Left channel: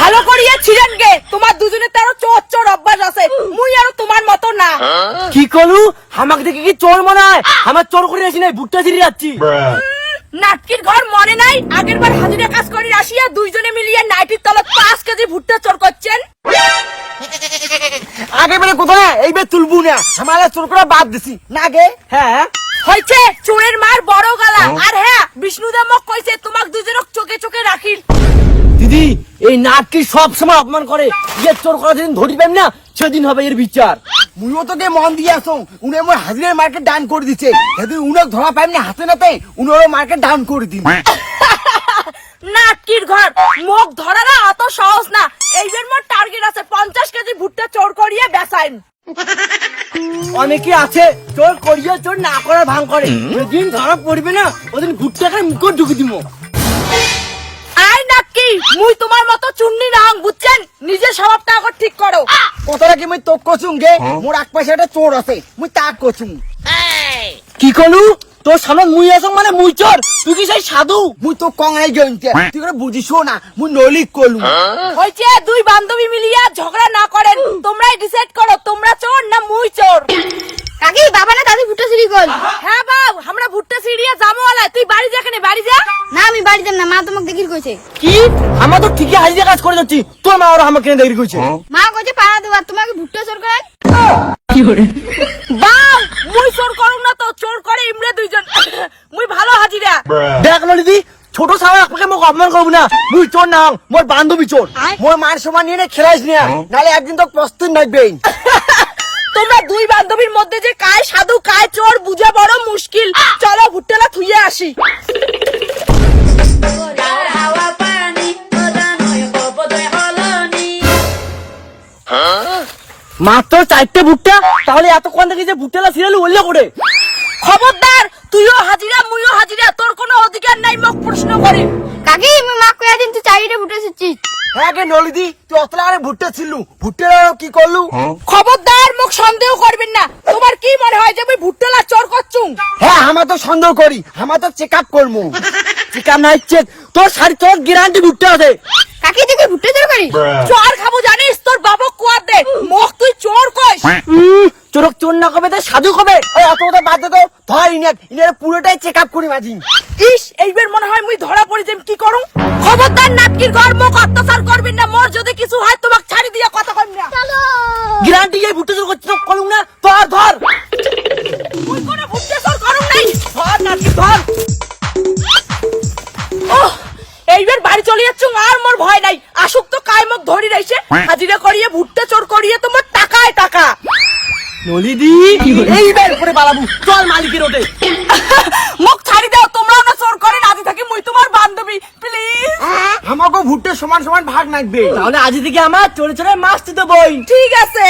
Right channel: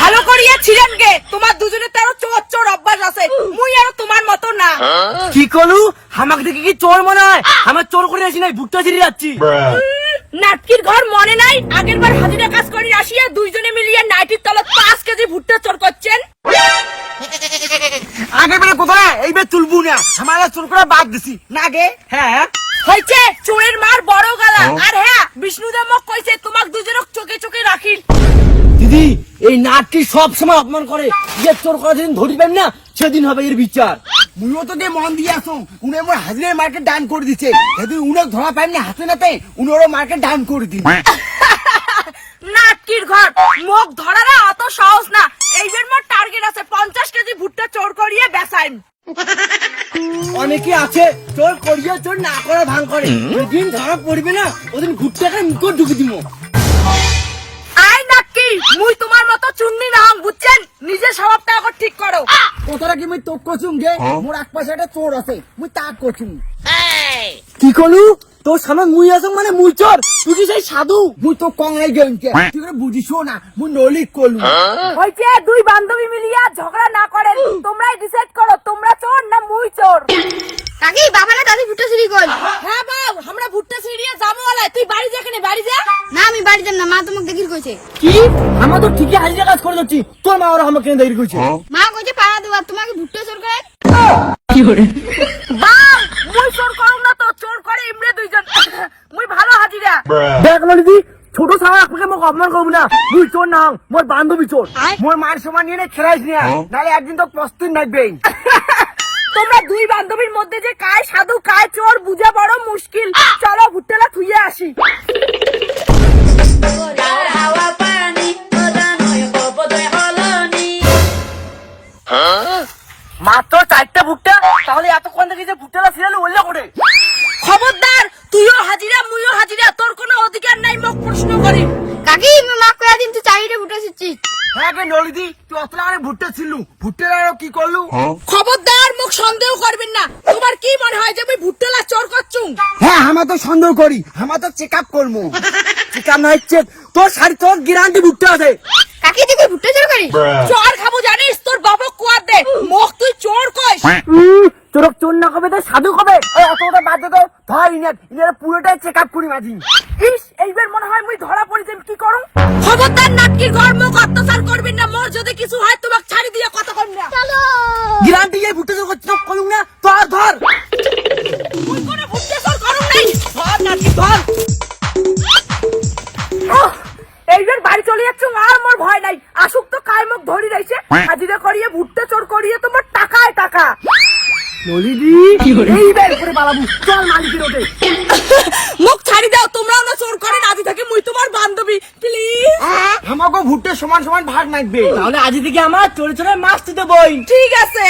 ভালো করিয়া ছিলেন গে, তোমার দুজনে তারও চোর চোর অভ্যাস আছে, মুই আর তোমার মতো না। কি করু আমাকে দেখে কি চোর মনে হয়? আমার চোর করে আসি নাই, ভুট্টা ছিঁড়ে যাচ্ছি। নাটকির ঘর মনে নাই? আগের বার হাজিরা কাজ করি আসিয়া দুইজনে মিলিয়ে নাইটির তলত 5 কেজি ভুট্টা চোর করছেন। আগে বেরে কোথায় এইবার তুলবো না, আমার চোর করে বাদ দিছি না গে। হ্যাঁ হয়েছে, চোরের মার বড় গালা। আর হ্যাঁ, বিষ্ণুদা মোক কইছে তোমাক দুজনক চোখে চোখে রাখিল। দিদি, এই নাটকি সব সময় অপমান করে, যে চোর করা যেদিন ধরিবেন না সেদিন হবে এর বিচার। তুইও তোকে মন দিয়ে আসো, উনি আমার হাজিরের মার্কেট ডাউন করে দিচ্ছে। যদি উনাক ধরা পাইনি হাতে নাতে, উনারও মার্কেট ডাউন করে দিন। নাটকির ঘর মোক ধরারা অত সহজ না। এইবার মোর টার্গেট আছে 50 কেজি ভুট্টা চোর করিয়ে বেচাইম। অনেকে আছে চোর করিয়া চোর না করার ভান করে, যেদিন ধরা পড়বে না ওদিন ভুট্টাকে মুখ ঢুকে দিব। আই নাটকি, মুই তোমার মতো চুন্নি না হং, বুঝছেন? নিজের স্বভাবটা এখন ঠিক করো। কথাটা কি মুই তোক কচুম গে, মোর এক পয়সাটা চোর আছে, মুই তাক কচুম। কি করলু? তোর সামনে মুই আসং মানে মুই চোর? তুই কি সেই সাধু? মুই তো কঙাই জয়ন্তে, তুই করে বুঝিসও না, মুই নলিক করলু। হইছে, দুই বান্ধবী মিলিয়া ঝগড়া না করেন, তোমরাই ডিসাইড করো তোমরা চোর না মুই চোর। কাকি, বাবা না দাদি ভুট্টা চুরি কর? হ্যাঁ বাব, আমরা ভুট্টা চুরিয়ে যাবো আলাই। তুই বাড়ি যা, কেন বাড়ি যা? না আমি বাড়ি যাব না, মা তোমাকে দেখির কইছে। কি? আমার তো ঠিকই হাজিরা কাজ করে যাচ্ছি, তোর মা ওরা আমাকে দেরি করছে। মা কইছে পাড়া দেবা, তোমাকে ভুট্টা চোর করে। বাব, মুই চোর করুম না তো, চোর করে ইমরে দুইজন। মুই ভালো হাজিরা। দেখ নলিদি, ছোট সাহেব আপনাকে মোক অপমান করবো না, মুই চোর না, মোর বান্ধবী চোর। মোর মান সমান নিয়ে খেলাইস না, নাহলে একদিন তো প্রস্তুত নেবেই। তোমরা দুই বান্ধবীর মধ্যে যে কায় সাধু কায় চোর বুঝা বড় মুশকিল। চলো ভুট্টালা থুইয়ে আসি। মাত্র 4টা ভুট্টা, তাহলে এতক্ষণ থেকে যে ভুট্টালা সিরিয়ালি ওলিয়া করে। খবরদার, তুইও হাজিরা মুইও হাজিরা, তোর কোনো অধিকার নাই মোক প্রশ্ন করে। কাকি আমি মা কইয়া দিন তুই চাইরে ভুট্টা ছিচ্ছিস। হ্যাঁ গে নলিদি, তুই অতলা আরে ভুট্টা ছিলু, ভুট্টা কি করলু? খবরদার, মোক সন্দেহ করবেন না। তোমার কি মনে হয় যে আমি ভুট্টালা চোর করছুম? হ্যাঁ, আমার তো সন্দেহ করি, আমার তো চেক আপ করবো। চেক আপ নাই চেক, তোর শাড়ি তোর গ্যারান্টি ভুট্টা আছে। কাকি তুই কি ভুট্টা চোর করি? চোর খাবো জানিস, তোর বাবা কুয়ার দে। মোক তুই চোর কইস? চোরক চোর না কবে, সাধু কবে? অত কথা বাদ দে তো, ধর ইনার পুরোটাই চেক আপ করি মাঝি। ইস, এইবার মনে হয় মুই ধরা পড়ি যাম, কি করুম? খবরদার নাটকি ঘর মোক অত্যাচার করবেন না। মোর যদি কিছু হয় তোমাক ছাড়ি দিয়া কথা কইম না। চলো গ্যারান্টি এই ভুট্টা চোর করছিস করুন না, ধর ধর। মুই কোনো ভুট্টা চোর করুম নাই। ধর নাকি ধর। এইবার বাড়ি চলে যাচ্ছ, আর মোর ভয় নাই। আসুক তো কায় মোক ধরি রাইছে, হাজিরা করিয়ে ভুট্টা চোর করিয়ে তোমার টাকায় টাকা। নলিদি, এইবার করে বাড়াবো, চল মালিকের ওতে। মোক ছাড়ি দাও, তোমরা না চোর করে রাজি থাকি, মুই তোমার বান্ধবী, প্লিজ। আমাকে ভুট্টা সমান সমান ভাগ নাকবে, তাহলে আজ থেকে আমার চোরে চোরে মাছ দিতে বই। ঠিক আছে।